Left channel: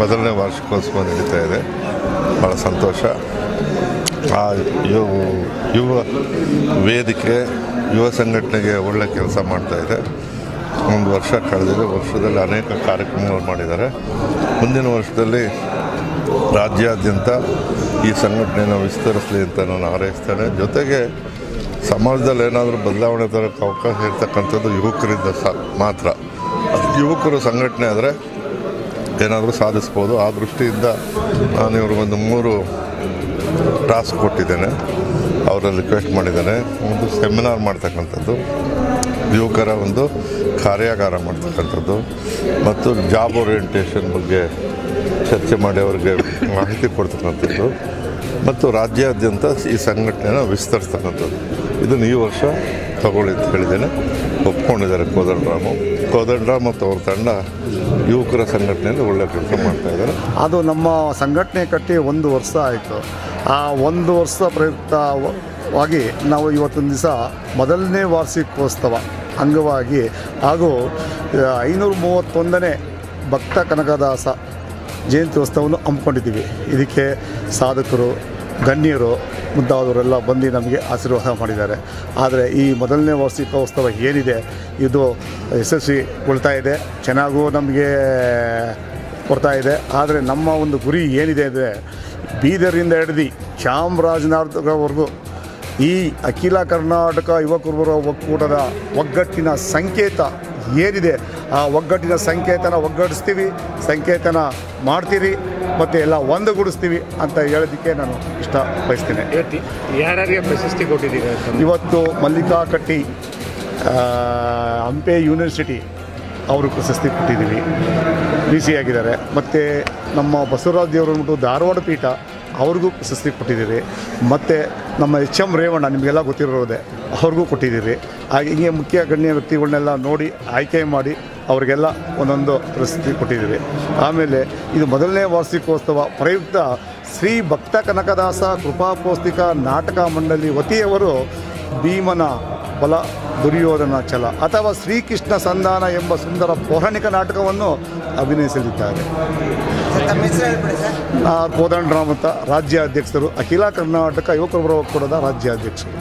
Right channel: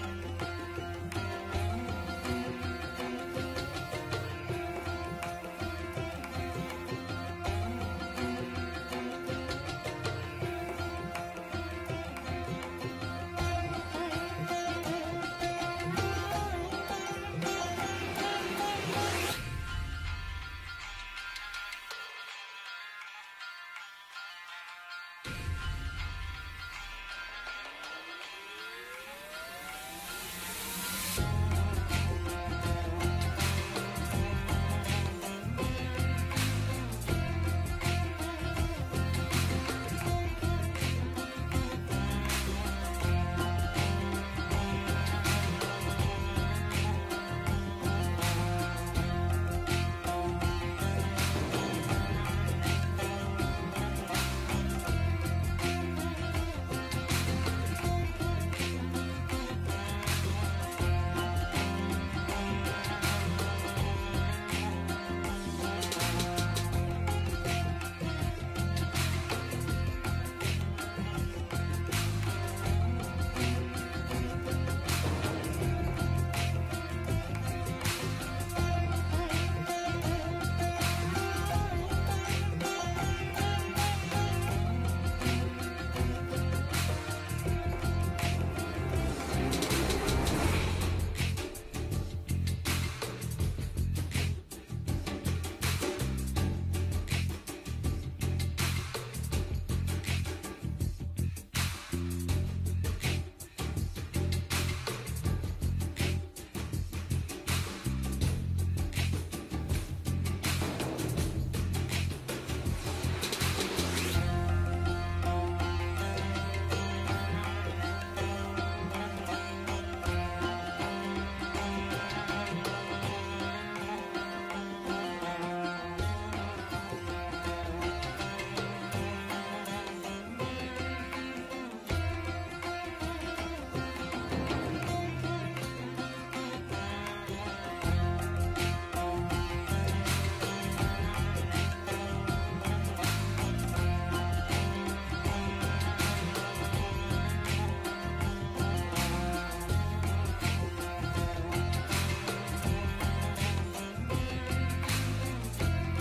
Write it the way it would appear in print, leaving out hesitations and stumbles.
ಮೊದಲನೇ ವಾರ್ಷಿಕೋತ್ಸವ ನಡೀತಾ ಇದೆ. ಭಾಳ ಸಂತೋಷ. ಆ ಯುವ ವೇದಿಕೆ ಯುವ ಸಂಘಟನೆಗೆ ಒಳ್ಳೆ ಕೆಲಸ ಮಾಡ್ತಾಯಿದೆ. ಒಂದು ವರ್ಷ ಕಳೆದಿದೆ. ವರ್ಷದಲ್ಲಿ ಅನೇಕ ಕಾರ್ಯಕ್ರಮಗಳು ಮಾಡಿದ್ದಾರೆ. ಮುಂದಿನ ವರ್ಷದಲ್ಲಿ ರಾಜ್ಯಾದ್ಯಂತ ಈ ಸಂಘಟನೆಯನ್ನು ವಿಸ್ತರಿಸಲಿ ಅಂತ ನಾನು ಹಾರೈಸ್ತೇನೆ. ಜೊತೆಗೆ ಸಮಾಜದಲ್ಲಿ ಏನಾದರೂ ಬದಲಾವಣೆ ತರೋಕ್ಕೆ ಅವಕಾಶ ಇರ್ತಕ್ಕಂಥದ್ದು ಯುವಕರಿಂದ ಮಾತ್ರ. ಯುವಕರು ಸಂಘಟನೆ ಆದರೆ ಏನಾದರೂ ಸಾಧಿಸ್ಬೋದು. ಆ ದೃಷ್ಟಿಯಿಂದ ನಾನು ಇವ್ರಿಗೊಂದು 3 ಟಾಸ್ಕ್ ಕೊಟ್ಟಿದ್ದೇನೆ. ಅವರಲ್ಲಿ ರಿಕ್ವೆಸ್ಟ್ ಮಾಡಿದ್ದೇನೆ. ಒಂದು ಸೆಮಿನಾರ್ ಮಾಡ್ತಕ್ಕಂಥದ್ದು, ಯುವಕರ ಒಂದು ಕಾರ್ಯಾಗಾರ ಮಾಡ್ತಕ್ಕಂಥದ್ದು ಮತ್ತು ಜಾಬ್ ಓರಿಯೆಂಟೇಷನ್ ಬಗ್ಗೆ ಚರ್ಚೆ ಮಾಡಿ ಅವರಿಗೆ ಮಾಹಿತಿ ಕೊಡ್ತಕ್ಕಂಥದ್ದು ಮತ್ತು ರಾಜ್ಯಾದ್ಯಂತ ಈ ಸಂಘಟನೆಯನ್ನು ವಿಸ್ತರಿಸ್ತಕ್ಕಂಥದ್ದು. ಇದನ್ನು ಈ ವರ್ಷ ತಗೊಳ್ಳಿ ಅಂತ ಹೇಳಿದ್ದೇನೆ. ಒಪ್ಕೊಂಡಿದ್ದಾರೆ ಕೋದಂಡರಾಮ್ ಮತ್ತು ಅವ್ರ ತಂಡ ಯುವಕರ ಸಂಘಟನೆಯಲ್ಲಿ ಒಳ್ಳೆಯ ಕೆಲಸ ಮಾಡ್ತಾಯಿದ್ದಾರೆ. ಅದು ನಮ್ಮ ಸಂಘಟನೆ ಕಟ್ಟಿ 1 ವರ್ಷ ಆಯಿತು. ಆ 1 ವರ್ಷ ಪ್ರಯುಕ್ತವಾಗಿ ನಾವು ಇವತ್ತೊಂದು ದಿವಸ ಮೊದಲನೇ ವಾರ್ಷಿಕೋತ್ಸವ ಅಂಗವಾಗಿ ಹಾಗೂ 531ನೇ ಭಕ್ತ ಕನಕದಾಸ ಜಯಂತ್ಯೋತ್ಸವವನ್ನು ಹಮ್ಮಿಕೊಂಡಿದ್ದೀವಿ. ಇದಕ್ಕೆ ಸಾಧಕರು, ಗಣ್ಯರು ಮುಂತಾದವರೆಲ್ಲ ಬಂದು ನಮಗೆ ಆಶೀರ್ವಾದ ಮಾಡಿದ್ದಾರೆ. ಆದರೆ ಈ ಮೊದಲನೇ ವಾರ್ಷಿಕೋತ್ಸವ ಏನಿದೆ ಇದು ಯಶಸ್ವಿಗೊಳ್ತಾ ಇದೆ, ಚೆನ್ನಾಗೂ ನಮಗೆ ಕೊಡ್ತಾ ಇದೆ. ಆದರೆ ನಮ್ಮ ಒಂದು ಗುರಿ ಏನಿದೆ ಅಂದರೆ ಬೀದರಿಂದ ಹಿಡಿದು ಚಾಮರಾಜನಗರವರೆಗೂ ಈ ಅಖಿಲ ಕರ್ನಾಟಕ ಯುವಕರ ಒಕ್ಕೂಟದ ಒಗ್ಗಟ್ಟಿನ ಸಂಕೇತ ಏನಿದೆ ಆ ಒಗ್ಗಟ್ಟಿನ ಒಗ್ಗಟ್ಟಿಸ್ತೀವಿ, ಸಂಕೇತನ ಮಾಡ್ತೀರಿ ಮತ್ತು ಎಲ್ಲ ಒಂದುಗೂಡಿಸ್ತೀವಿ ಅಂತ ಹೇಳೋದಕ್ಕೆ ನಾನು ಇಷ್ಟ ಬಯಸ್ತೇನೆ. ಯಾರ್ಯಾರಿಗೆ ಪ್ರಶಸ್ತಿ ಕೊಟ್ಟಿದ್ದೀವಿ? ಇವತ್ತು ಮಲ್ಲಿಕಾ ಕಟ್ಟಿ ಹಂಪೆ ಯೂನಿವರ್ಸಿಟಿ ಅವರು ಪ್ರಶಸ್ತಿ ಕೊಟ್ಟಿದ್ದೀವಿ, VC ಆಗಿದ್ದಾರೆ. ಮತ್ತು ನಮ್ಮ ಬಸವರಾಜ ದೇವರು ಧಾರವಾಡ ಪೀಠ ಅವ್ರಿಗೂ ಪ್ರಶಸ್ತಿ ಕೊಟ್ಟಿದ್ದೀರಿ. ಮತ್ತು ನಮ್ಮ HM ರೇವಣ್ಣ ನಿಮಗೆಲ್ಲ ಗೊತ್ತಿರೋದೆ ಅವ್ರಿಗೂ ಕೊಟ್ಟಿದ್ದೀರಿ. ಹಾಗೆ ಹಿಂಗೆ ಮುಖ್ಯ ಗಣ್ಯ ವ್ಯಕ್ತಿಗಳನ್ನೆಲ್ಲ ನೋಡಿ ಆಯ್ಕೆ ಮಾಡಿ ಅವರಿಗೆಲ್ಲ ಒಂದೊಂದು ಪ್ರಶಸ್ತಿ ಕೊಟ್ಟಿದ್ದೀರಿ. ಆಮೇಲೆ ಇದು ಮೊದಲನೇ ವಾರ್ಷಿಕೋತ್ಸವ ಪ್ರಯುಕ್ತ ಶ್ರೀ ಭಕ್ತ ಕನಕದಾಸ ಕೃಪಾಪೌಷ್ಟಿಕ ನಾಟಕ ಮಂಡಳಿ ವತಿಯವರು ಭೀಮನ ಬಲ ದುರ್ಯೋಧನ ಛಲ ಅಥವಾ ಶ್ರೀಕೃಷ್ಣ ಸಂಧಾನ ಎಂಬ ಸುಂದರ ಪೌರಾಣಿಕ ನಾಟಕವನ್ನು ಅಭಿನಯಿಸಲಿದ್ದಾರೆ. ಕೋದಂಡರಾಮ್ ಅಂತ ರಾಜ್ಯಾಧ್ಯಕ್ಷರು, ಅಖಿಲ ಕರ್ನಾಟಕ ಯುವಕರ ಒಕ್ಕೂಟದ ರಾಜ್ಯಾಧ್ಯಕ್ಷರು.